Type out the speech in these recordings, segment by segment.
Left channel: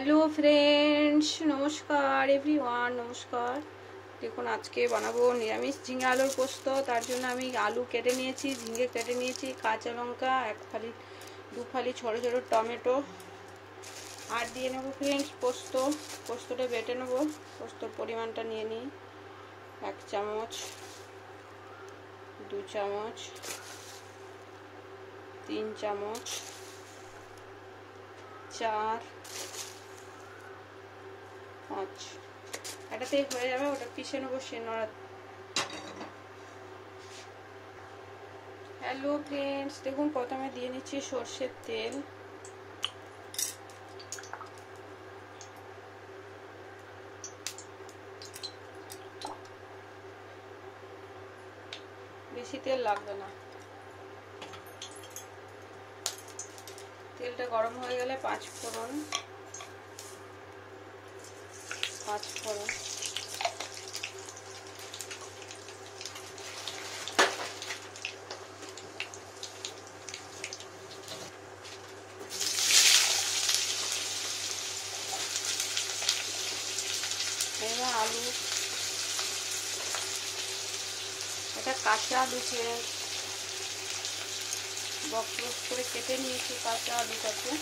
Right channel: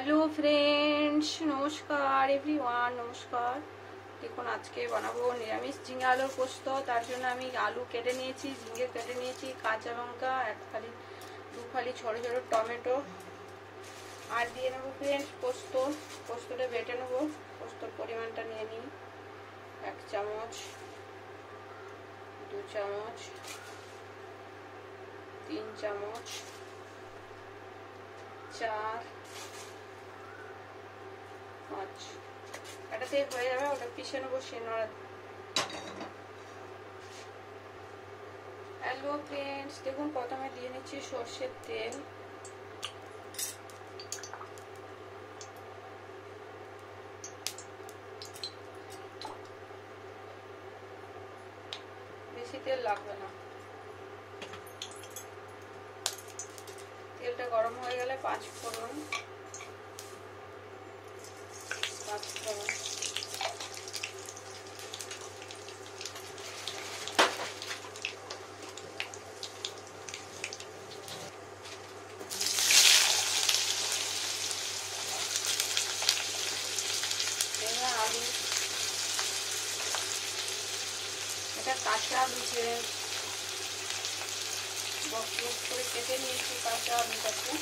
Hello friends, নমস্কার এভরিওয়ান, নমস্কার। দেখুন আজকে বানাবো নিরামিষ ঝিঙে আলুর পোস্ত। তার জন্য আমি আলু কেটে নিয়েছি, ঝিঙে কেটে নিয়েছি, কাঁচা লঙ্কা দু ফালি ছোট ছোট টমেটো আর দিয়ে নেবো ফ্রেন্ডস পোস্তটা বেটে নেবো। পোস্তর পরিমাণটা নিয়ে নিই 1 চামচ, 2 চামচ, 3 চামচ, 4, 5। এটাতেই হয়ে যাবে, ওটা পিষে নেবো শিলনোড়া। হ্যালো ফ্রেন্ডস, দেখুন প্রথমে দিয়ে নিচ্ছি সর্ষের তেল। বেশি তেল লাগবে না। তেলটা গরম হয়ে গেলে 5 ফোড়ন, আলু, এটা কাঁচা আলু বক্স করে কেটে নিয়েছি কাঁচা আলুটাকে।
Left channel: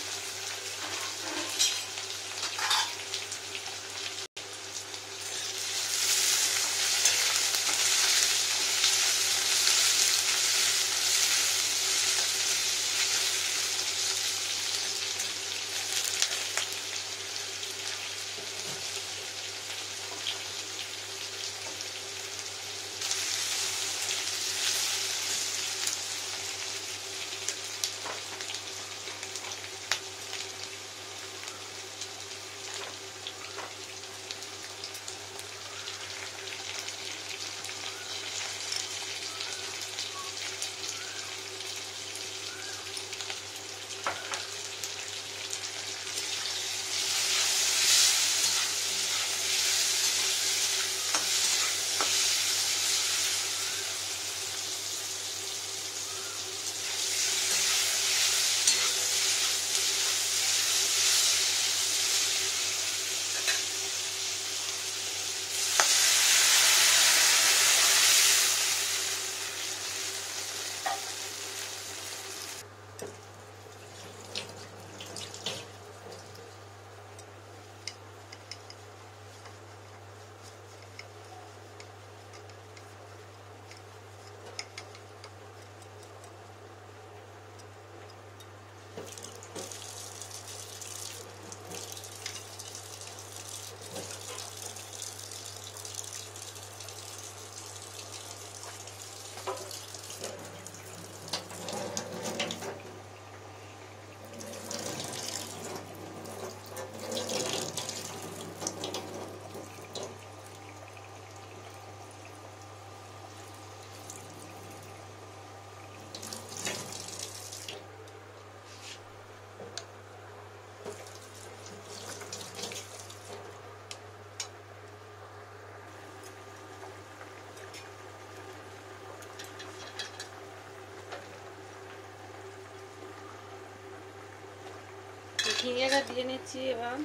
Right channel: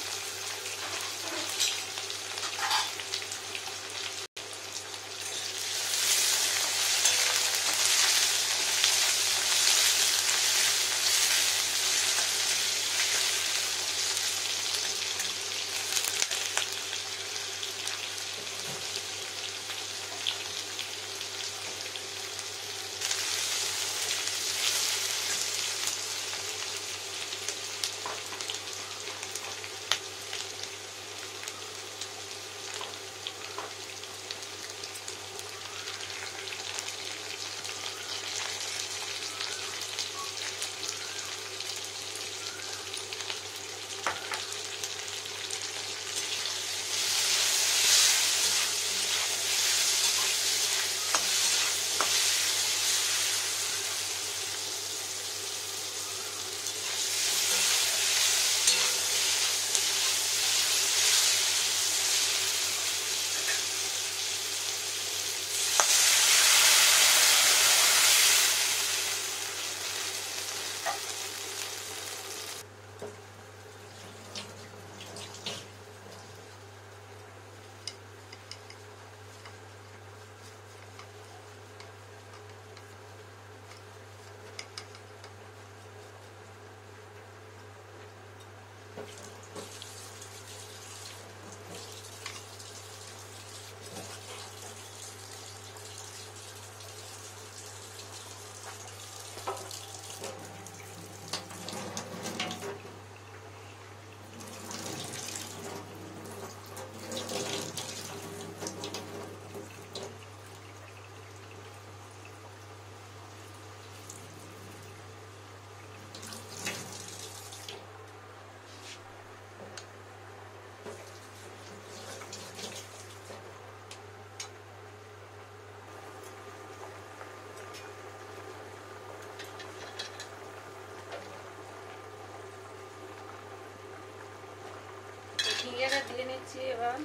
ঝিঙেটা দিয়ে নিচ্ছি এবার।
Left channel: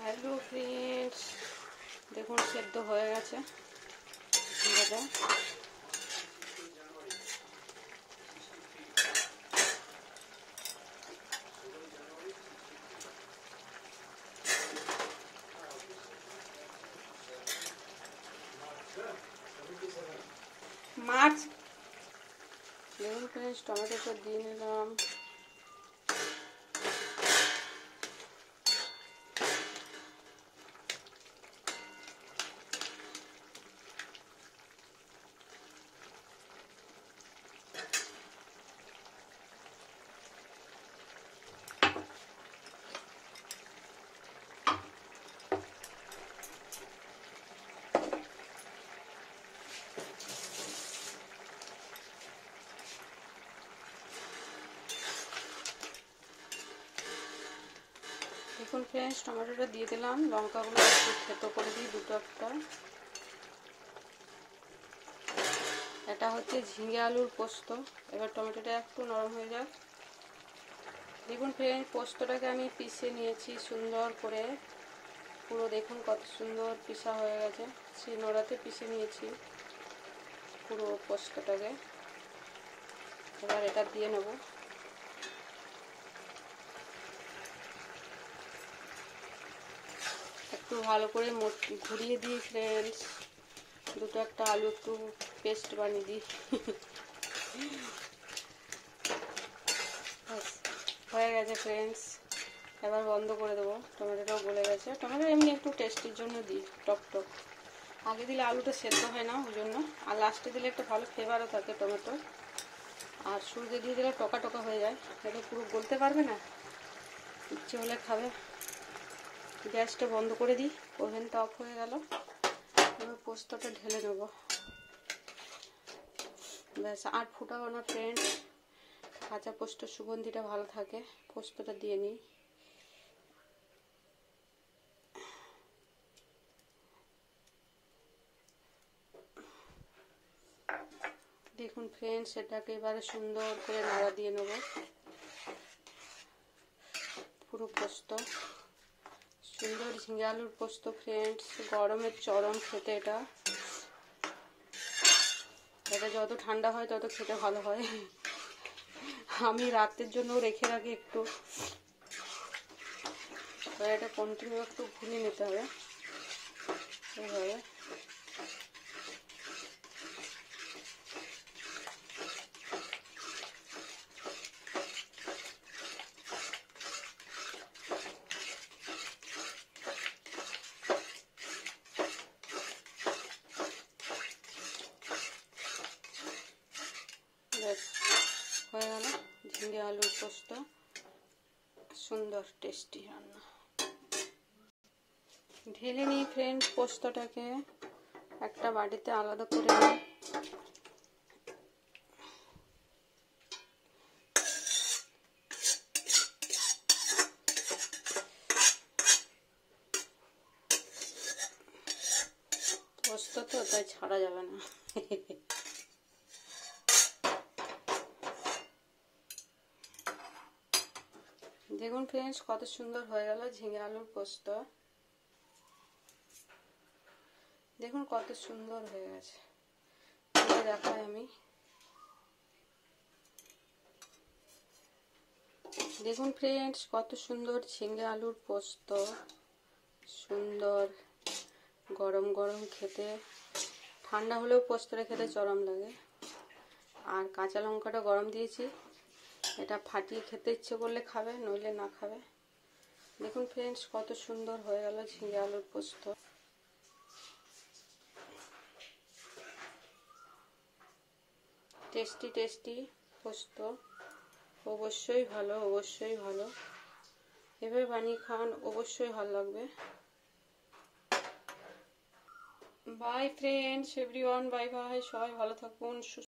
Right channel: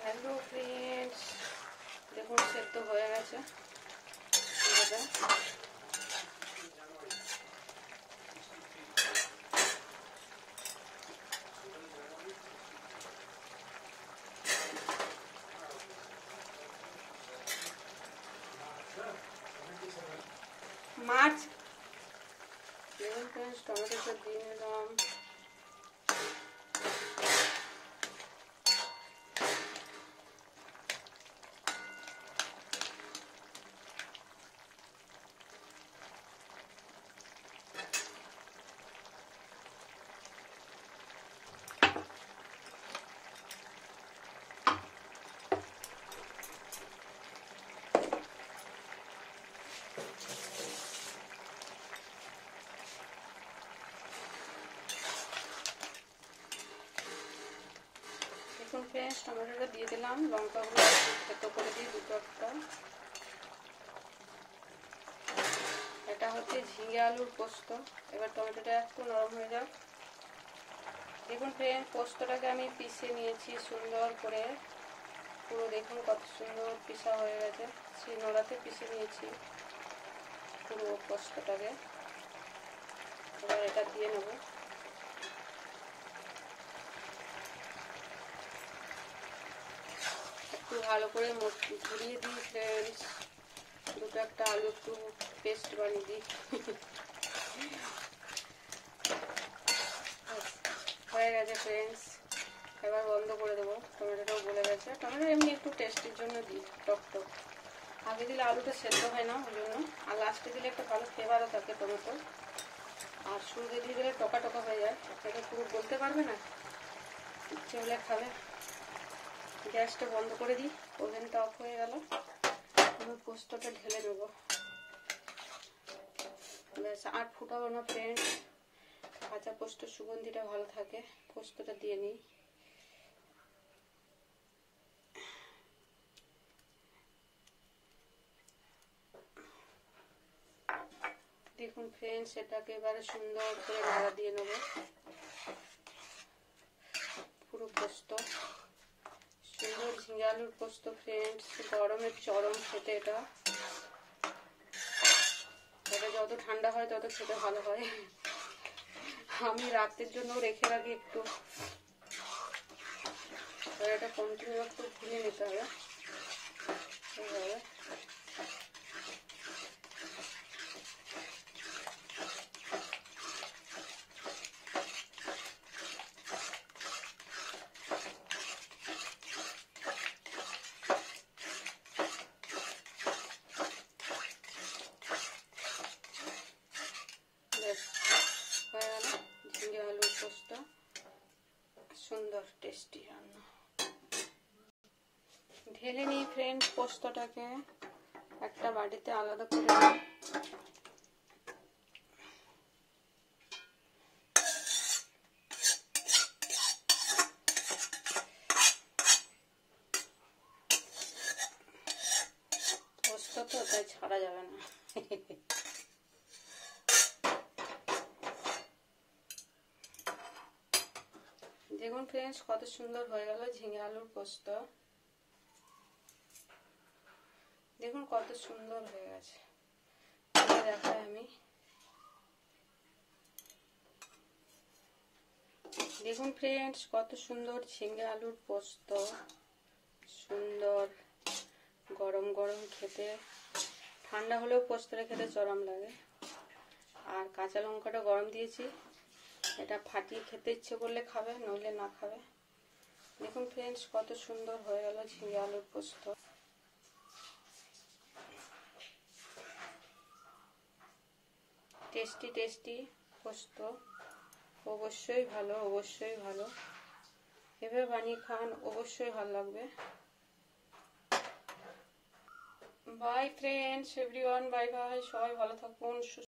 হ্যালো ফ্রেন্ডস, দেখুন সেদ্ধ হয়ে গেছে ঝিঙেটা। মাছ দেখুন ফ্রেন্ডস, টমেটোটা দিয়ে নিলাম। ফ্রেন্ডস টমেটোটা দিয়ে দিলাম, লঙ্কাগুলো একটু থেতো করে দিই দুটো একটা। এটা হচ্ছে ঝিঙে আলুর পোস্ত। এবার টমেটোটা একটু নরম হয়ে যাক। দেখুন ফ্রেন্ডস পোস্তটাকে আমি পিষে নিয়েছি সুন্দর করে, পুরো দেখুন কত সুন্দর পিষা হয়ে গেছে। শিলনোড়াতে পিষে নিয়েছি পুরো পোস্তটাকে। এবার এটা দিয়ে নেব। একটু ভালো করে ঘুরিয়ে দিই ফ্রেন্ডস, দুটো একটা আলু একটু পেস্ট বানিয়ে দিই। হয়ে গেছে ফ্রেন্ডস, এবার বন্ধ করে দেবো। টমেটোটাও গলে গেছে। টমেটো এমনি একটু টেস্টের জন্য দিই, টক টক। আগে দিলে আলুটা সেদ্ধ হয় না ওই জন্য, আর লাস্টে দিলে একটু ভালো ফ্লেভারও থাকে টমেটো। আর শুরুতে দিয়ে দিলে টকা টকা হয়ে যায়, এটা পুরো গলতে পারবে না, ইচ্ছে হলে খাবে। গ্যাসটা বন্ধ করে দিই, ওভেনটা অফ হয়ে গেল। এবার পোস্তটা ঢেলে নেব। ব্যাস আর ফুটাবো না ফ্রেন্ডস, কাঁচা পোস্ত সুগন্ধিটা ভালো থাকে। পোস্তটা দিয়ে নিই। দেখুন ফ্রেন্ডস এটাকে এবারে সুন্দর করে নাড়া দিয়ে নেব। পুরো পোস্ত সুন্দর ঝিঙে আলুর পোস্ত ফ্রেন্ডস, গরমের চরম খেতে এটা। এটা যত ঠান্ডা হয় তত খেতে ভালো হয়। আমি রাতের জন্য রেখে রাখি একটু। এটা কন্টিনিউ একটু ভুনে নিতে হবে এইভাবে। হয়ে গেল ঝিঙে আলুর পোস্ত, সুন্দর টেস্টি রান্না। ঢেলে নিই ফ্রেন্ড পোস্তটাকে একটা বাটিতে আলাদা করে নিই। পোস্ত তো তাই ছাড়া যাবে না। দেখুন ফ্রেন্ডস কত সুন্দর হয়ে গেল ঝিঙে আলুর পোস্ত। দেখুন কত সুন্দর হয়ে গেছে, দেখাই আমি। দেখুন ফ্রেন্ডস কত সুন্দর ঝিঙে আলুর পোস্ত, সুন্দর গরম গরম খেতে। ঠান্ডা হলেও পোস্তটা খেতে চরম লাগে। আর কাঁচা লঙ্কাটা গরম দিয়েছি, এটা ফাটিয়ে খেতে ইচ্ছে করলে খাবে, নইলে না খাবে। দেখুন ফ্রেন্ডস কত সুন্দর হয়ে গেল ঝিঙে আলুর পোস্ত। টেস্টি টেস্টি পোস্ত, অবশ্যই ভালো, অবশ্যই ভালো। এভাবে বানিয়ে খান, অবশ্যই ভালো লাগবে। By friends, everyone, bye bye. সবাই ভালো থাকুন।